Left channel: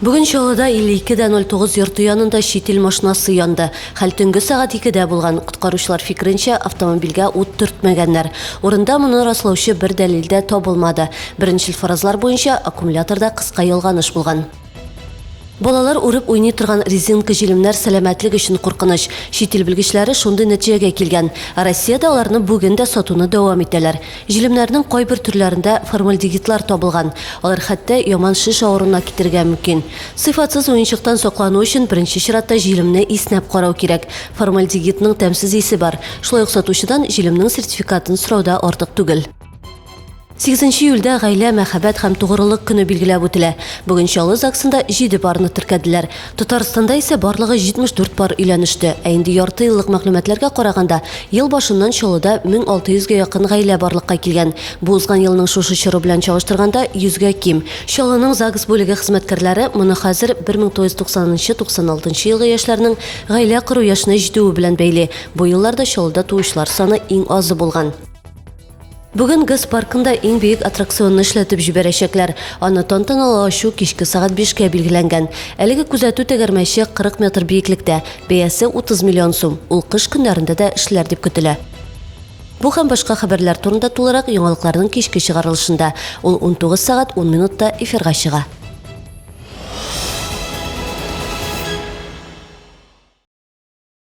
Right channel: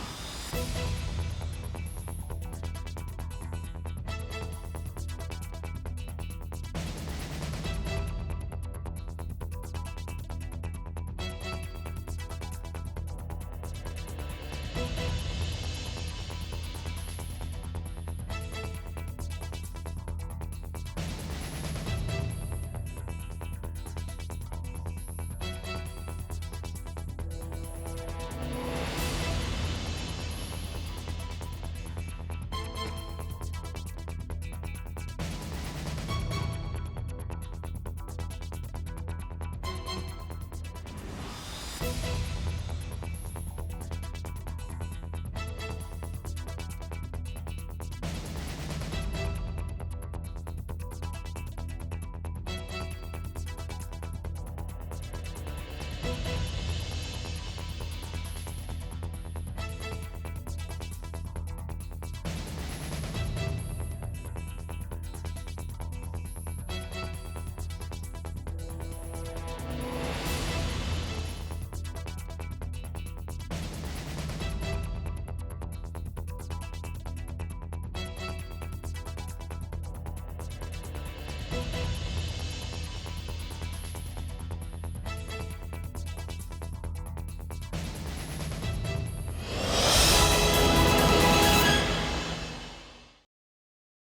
Бүгін Чаллыда 52:09 йорты янында шетел машинасы янды. Хәл төнге сағат 2-дә булган. Құтқарушылар фикеренчә, автомобильгә ут төртмәгәннәр. Урында моны раслаучы бер дәлил дә табылмады. Беренчел фаразлар буенча аккумуляторда кыска ялганыш булган. Балалар урып уйный торган резинка җилемнәр сәламәтлек өчен куркыныч. Шетел белгечләре шундый нәтиҗәгә килгән. Россиядә аларны бүген дә сатуны дәвам итәләр. Җилемнәрнең кайбер төрләрендә формальдегидлар табылган. Алар хәтта яман шиш авыруына китергә мөмкин. Сыйфатсыз уенчыктан саклану өчен беренче чиратта җилемне иснәп карау кирәк. Формальдегидның тәмсез исе бар. Шулай ук сатучыдан җилемнең сертификатын сорауда артык түгел. 8 июльдә гаилә, мәхәббәт һәм тугрылык көне билгеләп үтелә. Бүген Чаллы ЗАГСында 7 парны теркәделәр. Татарстанда исә барлыгы 74 пар өйләнеште. Ә инде ярты еллык мәгълүматларга караганда, ел башыннан Чаллыда 1600-гә якын гаилә барлыкка килгән. Бу узган елның шушы чоры белән чагыштырганда 100-гә ким. Чаллының ЗАГС бүлеге хезмәткәрләре моны хәзер 1990-96 елгы яшьләрнең гаилә кору яшенә җитүе белән бәйли. Бу елларда Чаллыда туучылар саны иң азы булган. Бүген ГЭС паркында иң бөек аттракционны эшләтеп җибәрәчәкләр. Аны тантаналы ачу кичке сагат 5-кә билгеләнгән. Әлеге күзәтү тәгәрмәче 40 метр биеклектә, бәясе 30 миллион сум. Ул кыш көннәрендә дә эшләр дип көтелә. Бу һәм башка хәбәрләр турында тулырак яңалыкларның кичке чыгарылышында. Ул 19 сагат 10 минутта эфирга чыга.